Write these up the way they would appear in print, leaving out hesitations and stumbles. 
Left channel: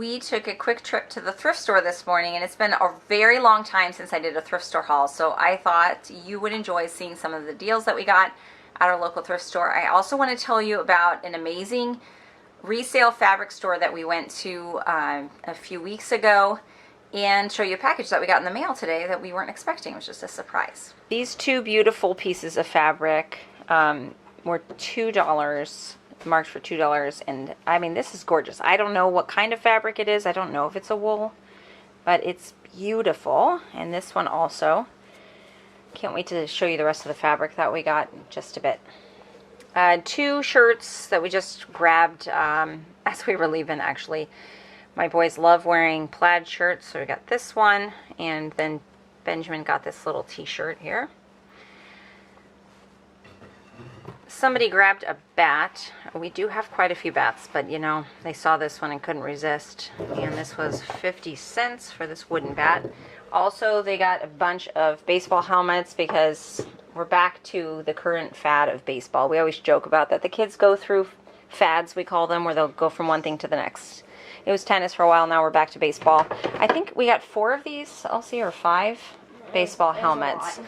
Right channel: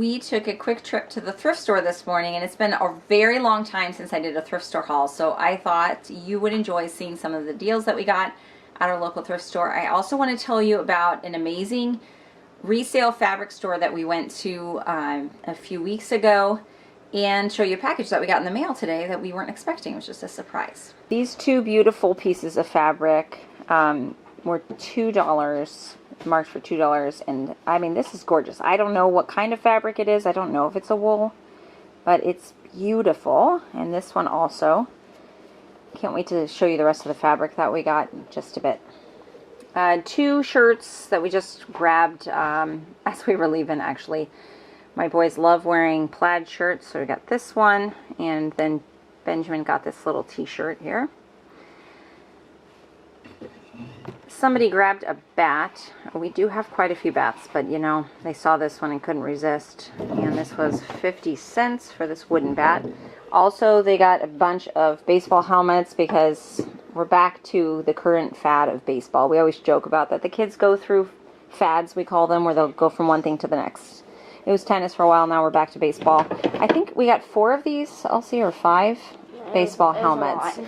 we took a quick trip to the thrift store this morning, and it's been a very long time since I did a thrift store haul, so I thought you would enjoy seeing some of the deals that we got at our local thrift store. I also want to tell you about an amazing resale fabric store that we went to a few weeks ago, and show you a package that we got in the mail today that we weren't expecting. It was just a surprise. These two beautiful pieces of fabric were $2, marked for $2, and I mean, this is gorgeous. I don't know what kind of fabric it is. I don't know if it's a wool, but it's beautiful. And this one also. Can't wait to show you the rest of the fabric that we got in just a bit. Two shirts that we just grabbed as we were leaving, actually. My boys love wearing plaid shirts, so we got this one, and then Benjamin got this little t-shirt here. Somebody grabbed a bat. We do have quite a few bats, but you know, they saw this one and couldn't resist. And this was 50 cents for this wooden bat. Also, they got a bunch of baseball helmets because we're back to the current fad of baseball. We always joke about that. The kids go through fads, we call them, where they'll go from one thing to the next. It was tennis for a while, now we're back to baseball. I think we got 4 of these, Elsie, or 5 baseball helmets.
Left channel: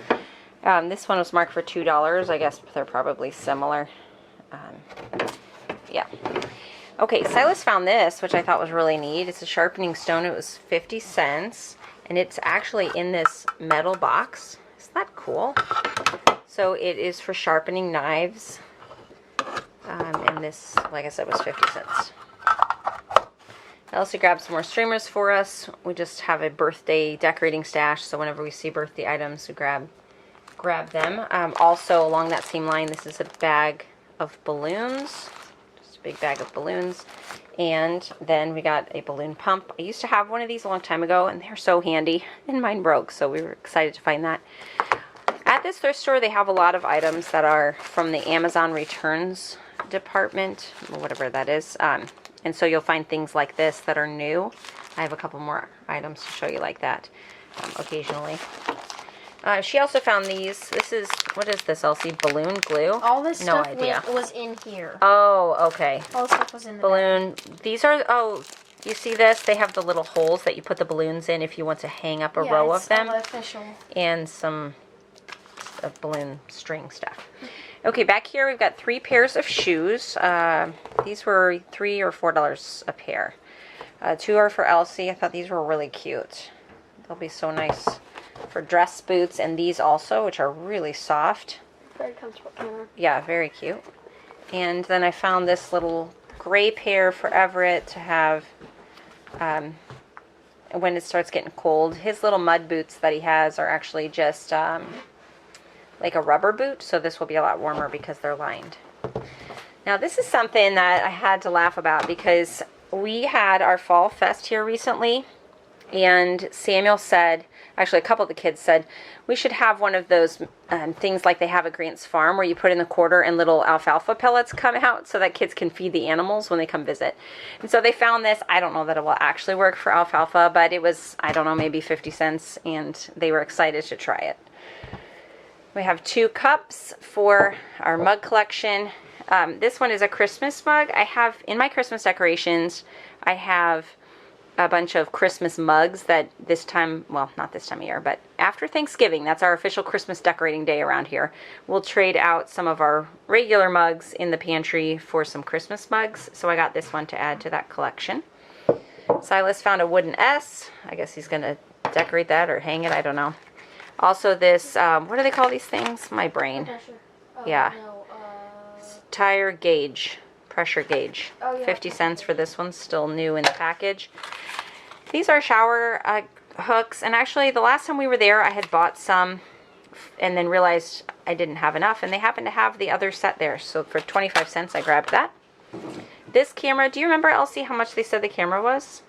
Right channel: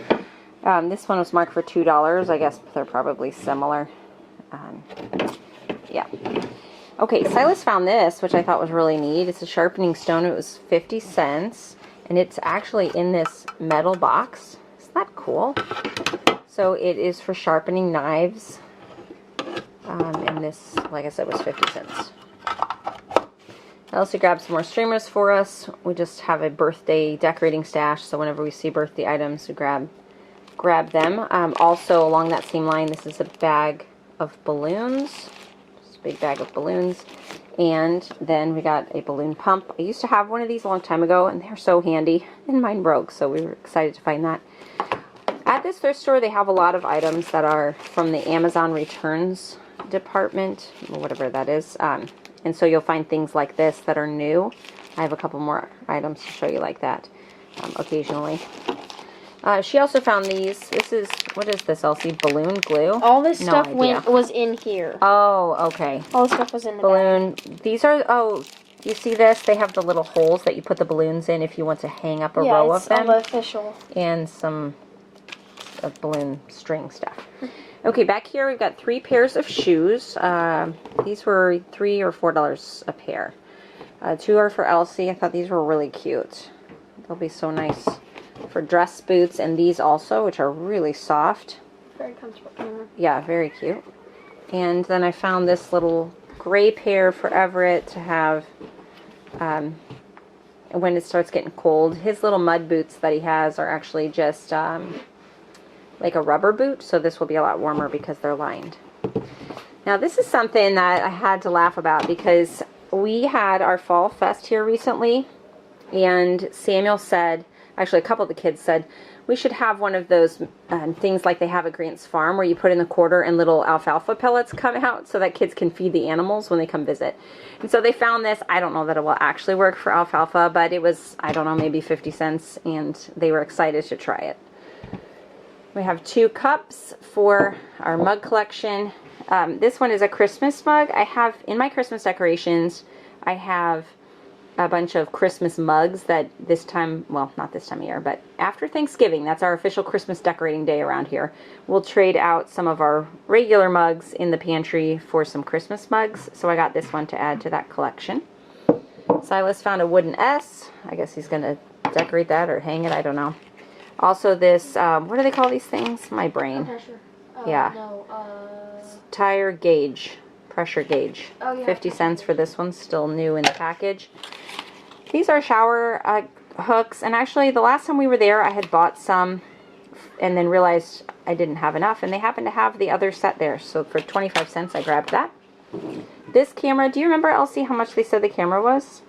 This one was marked for $2. I guess they're probably similar. Yeah. Okay, Silas found this, which I thought was really neat. It's a sharpening stone. It was 50 cents. And it's actually in this metal box. Isn't that cool? So it is for sharpening knives. And this, like I said, was 50 cents. I also grabbed some more streamers for us. We just have a birthday decorating stash, so whenever we see birthday items, we grab them. Also, along that same line, this is a bag of balloons. Just a big bag of balloons. And then we got a balloon pump. I used to have one of these a long time ago, and they're so handy. And mine broke, so we were excited to find that. At this thrift store, they have a lot of items that are from the Amazon returns department, or whatever that is. And so you'll find things like this that are new. I have a couple more items to show you like that occasionally. She also found these. This is, what is this, Elsie? Balloon glue? All this stuff was in here. Oh, okay. All the stuff was in the balloon. These are, oh, you see this? They have the little holes that you put the balloons in if you want to hang up a row of them. Yeah, it's official. And some balloon string stuff. Okay, back here we've got 3 pairs of shoes. These were $3 or $4 a pair. 2 are for Elsie. I thought these were really cute. They'll be so nice for dress boots, and these also, which are really soft. Very comfortable camera. Yeah, very cute. And then I found this little gray pair for Everett to have when it starts getting cold. His little mud boots that he has are actually just like a rubber boot, so this will be a lot warmer because they're lined. Now this is something that I had to laugh about because we had our fall fest here recently, and Samuel said, actually a couple of the kids said, we should have one of those things like they have at Grant's Farm where you put in the quarter and little alfalfa pellets come out so that kids can feed the animals when they come visit. And so they found this. I don't know that it will actually work for alfalfa, but it was, I don't know, maybe 50 cents, and they were excited to try it. We have 2 cups for our mug collection. This one is a Christmas mug. I have, in my Christmas decorations, I have a bunch of Christmas mugs that this time, well, not this time of year, but after Thanksgiving, that's our official Christmas decorating day around here. We'll trade out some of our regular mugs in the pantry for some Christmas mugs. So I got this one to add to that collection. Silas found a wooden S. I guess he's going to decorate that or hang it. I don't know. Also this, what do they call these things? My brain. Yeah. No, tire gauge, pressure gauge. Oh, yeah. 50 cents for this one, still new in the package. These are shower hooks, and actually the last time we were there I had bought some and then realized I didn't have enough, and they happened to have the other set there, so for 25 cents I grabbed that. This camera, do you remember, Elsie, how much they said the camera was?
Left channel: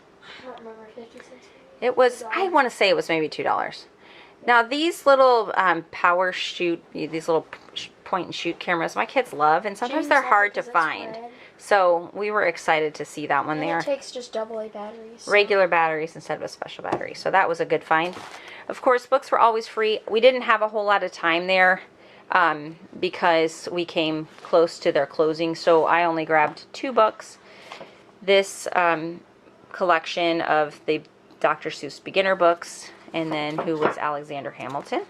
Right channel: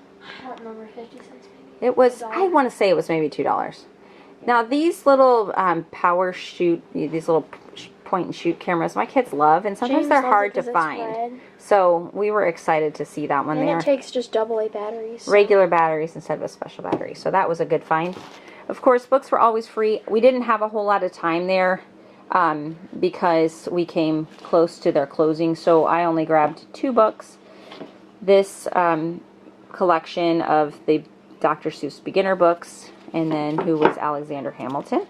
I don't remember, 50 cents. It was, I want to say it was maybe $2. Now these little power shoot, these little point and shoot cameras, my kids love, and sometimes they're hard to find. So we were excited to see that one there. And it takes just AA batteries. Regular batteries instead of a special battery. So that was a good find. Of course, books were always free. We didn't have a whole lot of time there because we came close to their closing. So I only grabbed 2 books. This collection of the Dr. Seuss beginner books, and then who was Alexander Hamilton.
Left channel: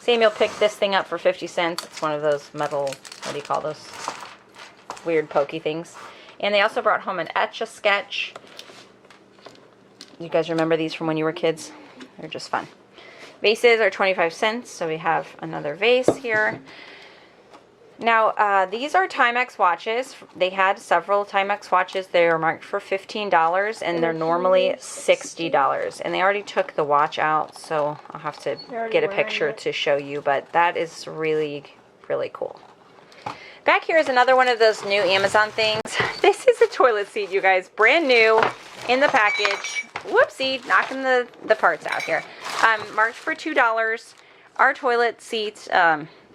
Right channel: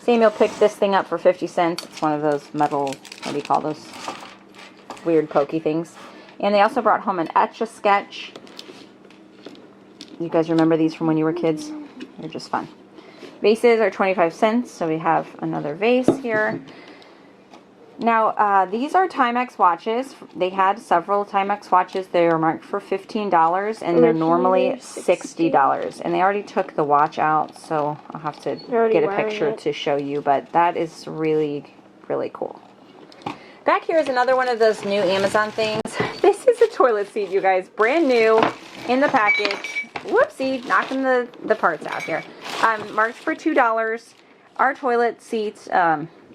Samuel picked this thing up for 50 cents. It's one of those metal, what do you call those? Weird pokey things. And they also brought home an Etch-a-Sketch. You guys remember these from when you were kids? They're just fun. Vases are 25 cents, so we have another vase here. Now, these are Timex watches. They had several Timex watches. They were marked for $15, and they're normally $60. And they already took the watch out, so I'll have to get a picture to show you. But that is really, really cool. Back here is another one of those new Amazon things. This is a toilet seat, you guys. Brand new in the package. Whoopsie, knocking the parts out here. Marked for $2. Our toilet seats...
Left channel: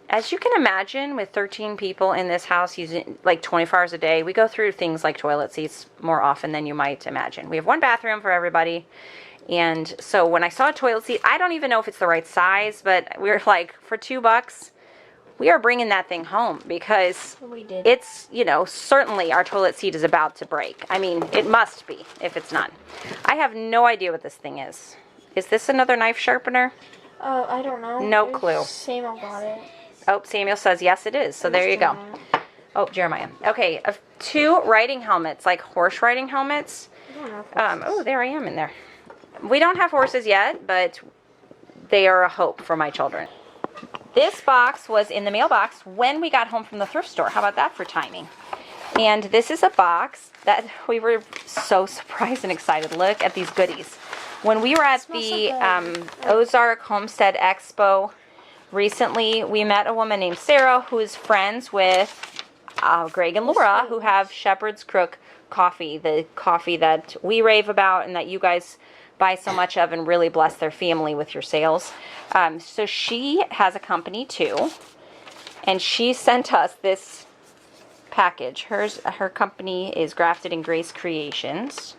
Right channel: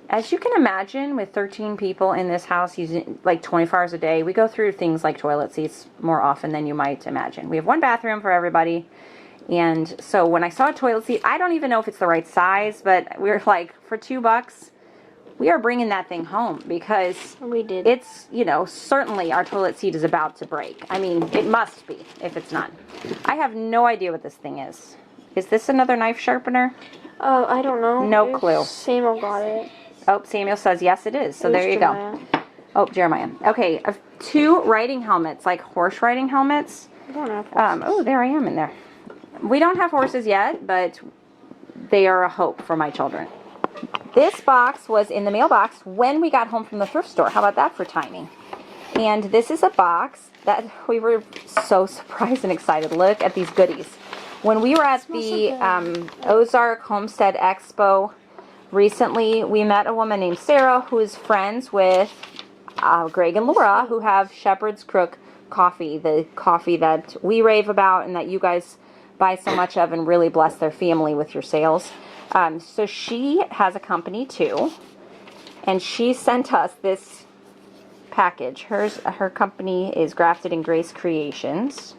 as you can imagine, with 13 people in this house using like 24 hours a day, we go through things like toilet seats more often than you might imagine. We have one bathroom for everybody. And so when I saw a toilet seat, I don't even know if it's the right size, but we were like, for $2, we are bringing that thing home because we did. It's, you know, certainly our toilet seat is about to break. I mean, it must be if it's not. I have no idea what this thing is. Is this another knife sharpener? Oh, I don't know. No clue. Samuel got it. Oh, Samuel says yes, it is. So there you go. Oh, Jeremiah. Okay, 2 riding helmets, like horse riding helmets. Oh, there I am in there. We don't have horses yet, but they are a hope for my children. This box was in the mailbox when we got home from the thrift store. How about that for timing? And this is a box that we were so surprised and excited. Look at these goodies. When we were at the Ozark Homestead Expo recently, we met a woman named Sarah who is friends with Greg and Laura, who have Shepherd's Crook coffee, the coffee that we rave about and that you guys buy so much of and really bless their family with your sales. So she has a company too, and she sent us this package. Her company is Grafted in Grace Creations.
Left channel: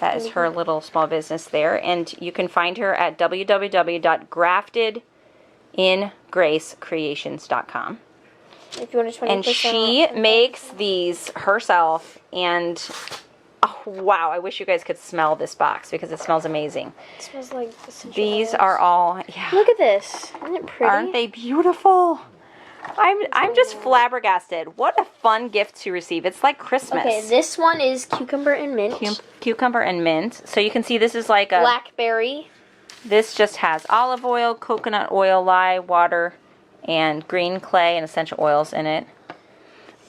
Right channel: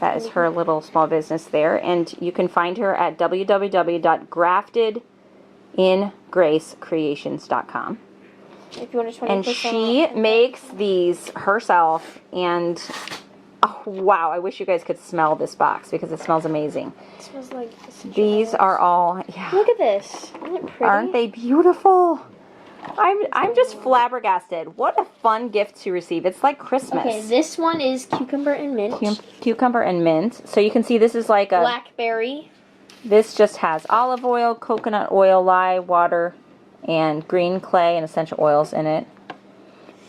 That is her little small business there, and you can find her at www.graftedingracecreations.com. If you want to And she makes these herself, and oh wow, I wish you guys could smell this box because it smells amazing. It smells like these are all, yeah. Look at this. Isn't it pretty? Aren't they beautiful? I'm just flabbergasted. What a fun gift to receive. It's like Christmas. Okay, this one is cucumber and mint. Cucumber and mint. So you can see this is like a... Blackberry. This just has olive oil, coconut oil, lye, water, and green clay and essential oils in it.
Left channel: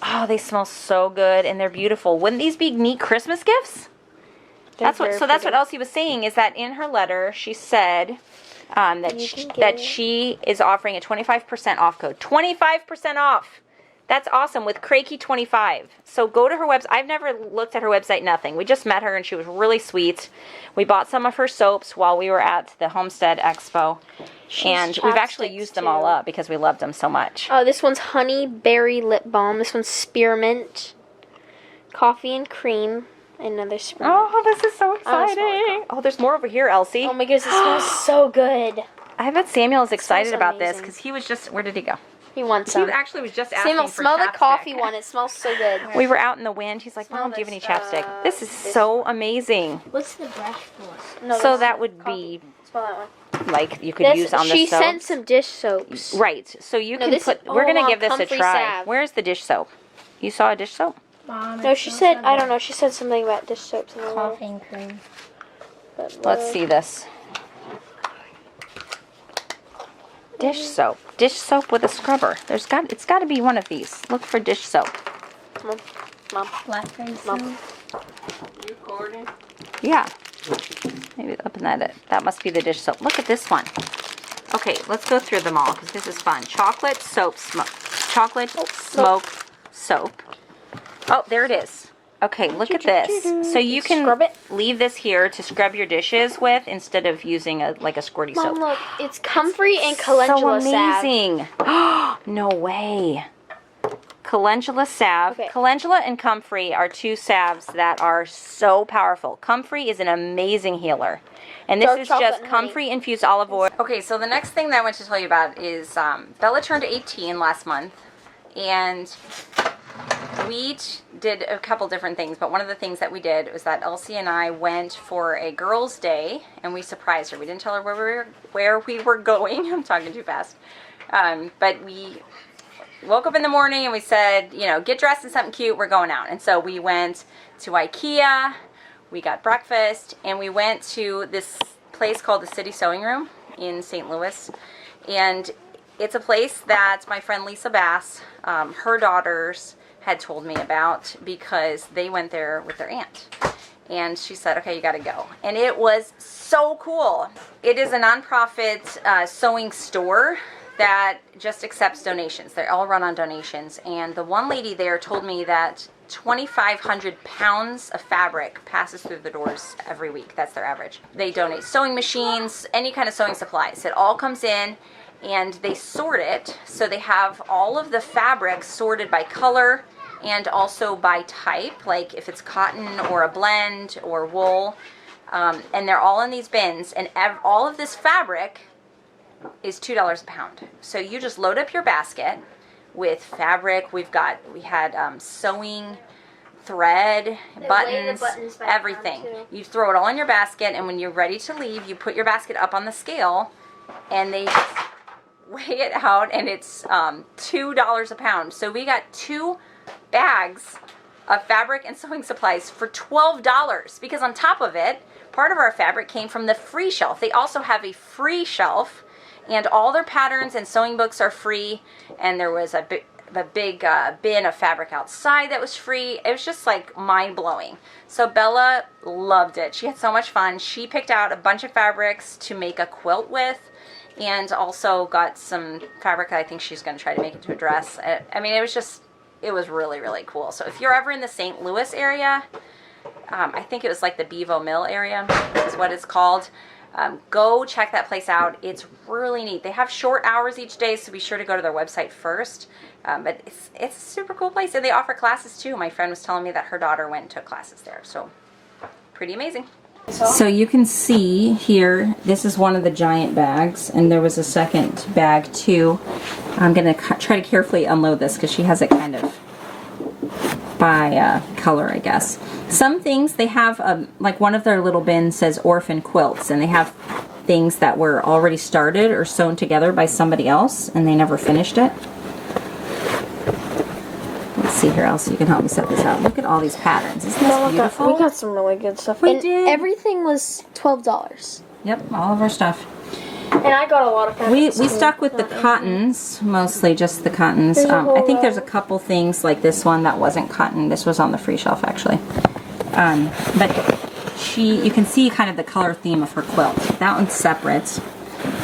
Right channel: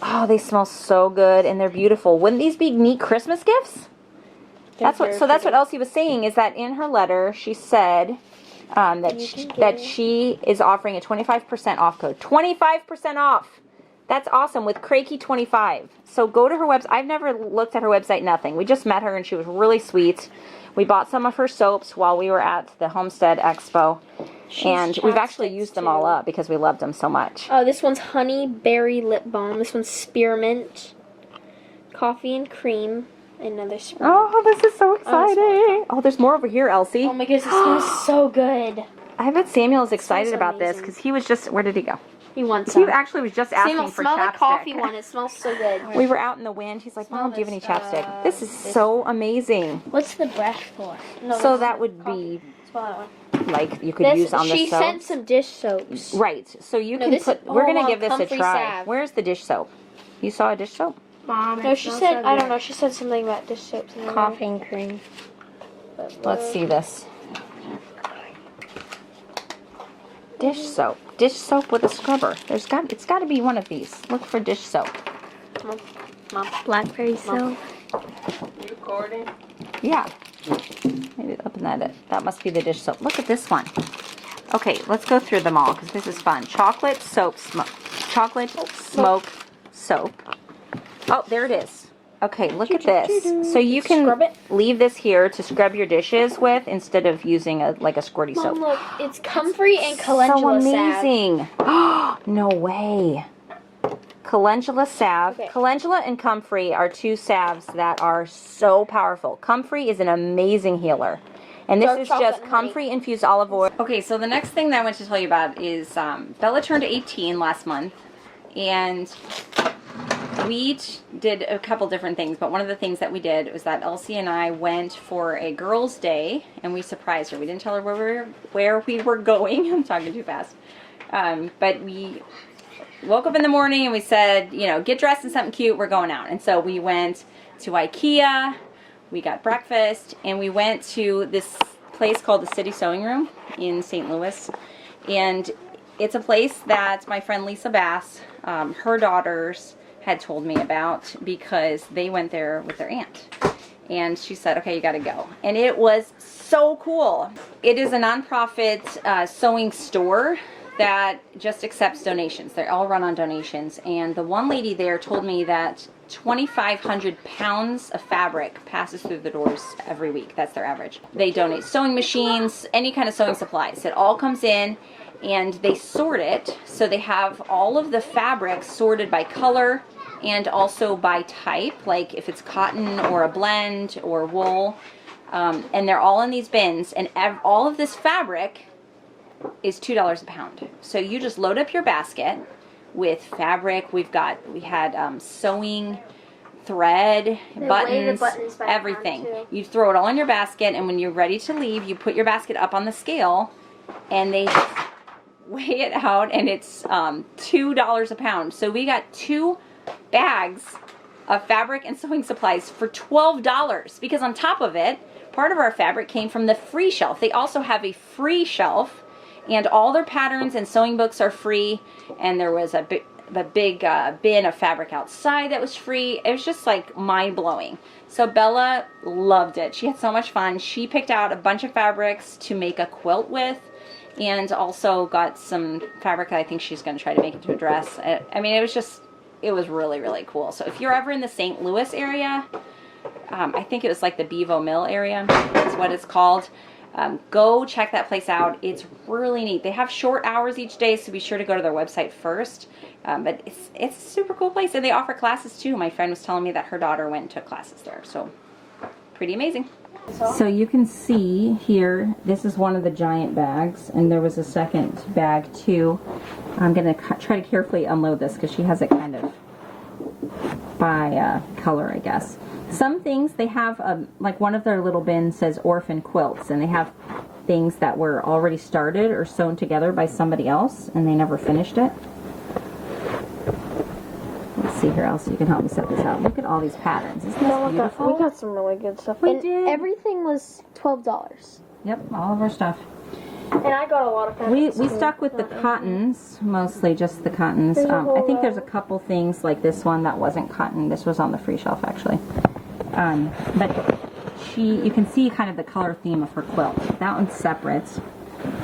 Oh, they smell so good and they're beautiful. Wouldn't these be neat Christmas gifts? That's what Elsie was saying, is that in her letter she said that she is offering a 25% off code. 25% off! That's awesome with Kreke 25. So go to her website. I've never looked at her website, nothing. We just met her and she was really sweet. We bought some of her soaps while we were at the Homestead Expo. And we've actually used them all up because we loved them so much. Oh, this one's honey berry lip balm. This one's spearmint, coffee and cream. Another spearmint. Oh, this is so exciting. Oh, there's more over here, Elsie. Oh my goodness, this smells so good. I bet Samuel is excited about this because he was just, where did he go? He wants some. He actually was just asking for smell chapstick. the coffee one. It smells so good. We were out in the wind. He's like, Mom, do you have any chapstick? This is so amazing. What's the brush for? No, so that would be like you could use on the soap. She sent some dish soaps. Right. So you can put, we're going to give this a try. Salve. Where's the dish soap? You saw a dish soap? Mom, no, she said, I don't know, she said something about dish soaps. Coffee and cream. Let's see this. Dish soap. Dish soap with a scrubber. It's got to be one of these. Look for dish soap. Mom. Blackberry soap. Recording? Yeah. Maybe open that. That must be the dish soap. Look at this one. Okay, let's go through them all because this is fun. Chocolate smoke soap. Oh, there it is. Okay, look at this. So you can leave this here to scrub your dishes with instead of using a squirty soap. Mom, look, it's comfrey and calendula so amazing. No way. Calendula salve. Okay. Calendula and comfrey are two salves that are so powerful. Comfrey is an amazing healer. And this is just comfrey infused olive oil. Okay, so the next thing that I want to tell you about is Bella turned 18 last month. And we did a couple different things, but one of the things that we did was that Elsie and I went for a girls' day, and we surprised her. We didn't tell her where we were going. I'm talking too fast. But we woke up in the morning and we said, you know, get dressed in something cute. We're going out. And so we went to IKEA. We got breakfast, and we went to this place called the City Sewing Room in St. Louis. And it's a place that my friend Lisa Bass, her daughters had told me about because they went there with their aunt. And she said, okay, you got to go. And it was so cool. It is a nonprofit sewing store that just accepts donations. They're all run on donations. And the one lady there told me that 2,500 pounds of fabric passes through the doors every week. That's their average. They donate sewing machines, any kind of sewing supplies. It all comes in and they sort it. So they have all of the fabric sorted by color and also by type, like if it's cotton or a blend or wool. And they're all in these bins, and all of this fabric is $2 a pound. So you just load up your basket with fabric. We had sewing, thread, buttons, everything. You throw it all in your basket, and when you're ready to leave, you put your basket up on the scale, and they just weigh it out, and it's $2 a pound. So we got 2 bags of fabric and sewing supplies for $12, because on top of it, part of our fabric came from the free shelf. They also have a free shelf, and all their patterns and sewing books are free, and there was a big bin of fabric outside that was free. It was just like mind-blowing. So Bella loved it. She had so much fun. She picked out a bunch of fabrics to make a quilt with, and also got some fabric that I think she's going to try to make into a dress. I mean, it was really, really cool. So if you're ever in the St. Louis area, I think it was like the Bevo Mill area is what it's called. Go check that place out. It's really neat. They have short hours each day, so be sure to go to their website first. But it's a super cool place, and they offer classes too. My friend was telling me that her daughter went and took classes there, so pretty amazing. So you can see here, this is one of the giant bags, and there was a second bag too. I'm going to try to carefully unload this because she has it kind of by color, I guess. Some things they have, like one of their little bins says orphan quilts, and they have things that were already started or sewn together by somebody else, and they never finished it. Let's see here, Elsie, you can help me set this up. Look at all these patterns. Isn't this beautiful? We got some really good stuff. We did. Everything was $12. Yep, all of our stuff. And I got a lot of fabrics. We stuck with the cottons, mostly just the cottons. I think there's a couple things like this one that wasn't cotton. This was on the free shelf, actually. But you can see kind of the color theme of her quilt. That one's separate.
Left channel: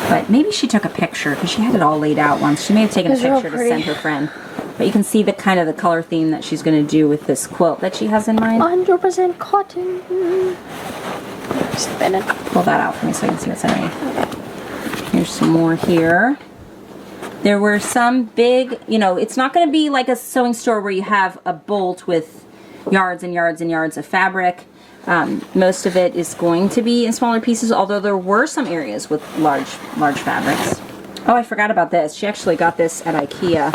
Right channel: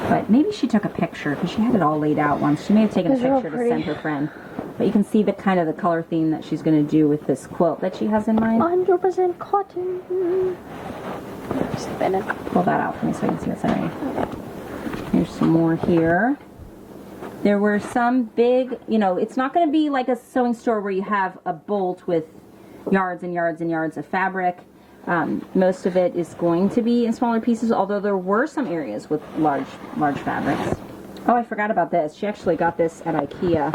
But maybe she took a picture because she had it all laid out once. She may have taken a picture to send her friend. But you can see the kind of the color theme that she's going to do with this quilt that she has in mind. 100% cotton. Spin it. Pull that out for me so I can see what's underneath. Here's some more here. There were some big, you know, it's not going to be like a sewing store where you have a bolt with yards and yards and yards of fabric. Most of it is going to be in smaller pieces, although there were some areas with large fabrics. Oh, I forgot about this. She actually got this at IKEA,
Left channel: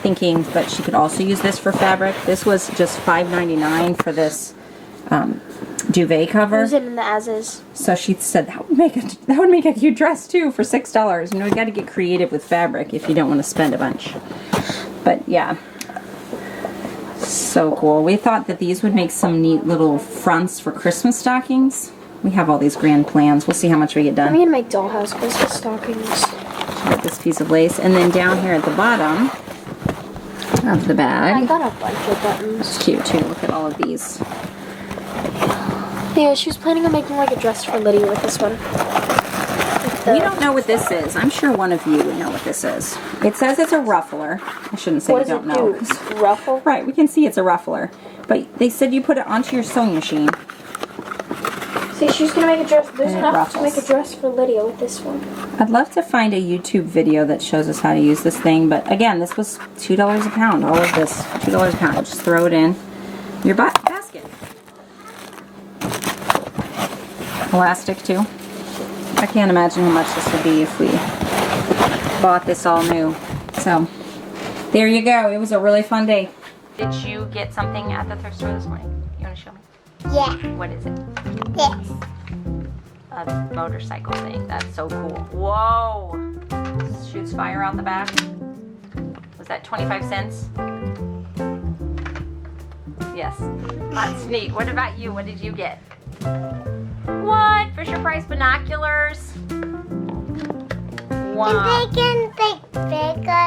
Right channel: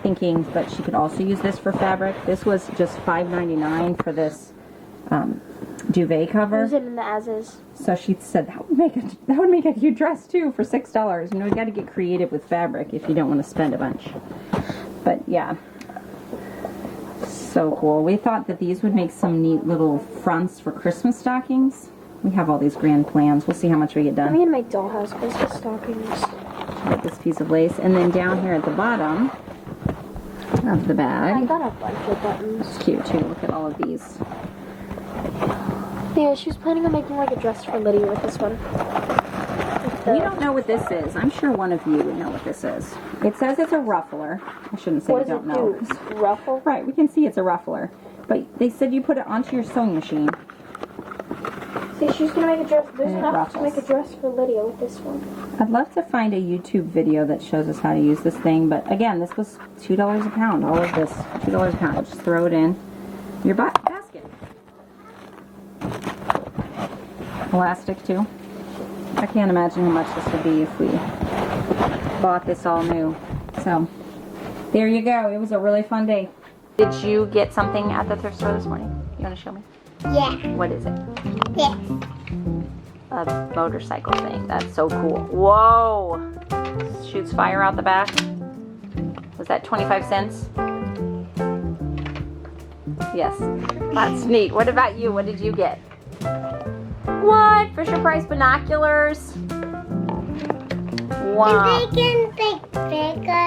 thinking that she could also use this for fabric. This was just $5.99 for this duvet cover. Use it in the as-is. So she said that would make a cute dress too for $6. You know, you got to get creative with fabric if you don't want to spend a bunch. But yeah, so cool. We thought that these would make some neat little fronts for Christmas stockings. We have all these grand plans. We'll see how much we get done. I'm gonna make dollhouse Christmas stockings. Got this piece of lace, and then down here at the bottom of the bag, I got a bunch of buttons. it's cute too. Look at all of these. Yeah, she was planning on making like a dress for Lydia with this one. We don't know what this is. I'm sure one of you would know what this is. It says it's a ruffler. I shouldn't say What you does don't it know. do? Ruffle? Right, we can see it's a ruffler. But they said you put it onto your sewing machine. See, she's gonna make a dress. There's And it enough to ruffles. make a dress for Lydia with this one. I'd love to find a YouTube video that shows us how to use this thing. But again, this was $2 a pound. All of this, $2 a pound. Just throw it in your basket. Elastic too. I can't imagine how much this would be if we bought this all new. So there you go. It was a really fun day. Did you get something at the thrift store this morning? You want to show me? Yeah. What is it? This. A motorcycle thing. That's so cool. Whoa! Shoots fire out the back. Was that 25 cents? Yes. That's neat. What about you? What did you get? What? Fisher Price binoculars? Wow. And they can think bigger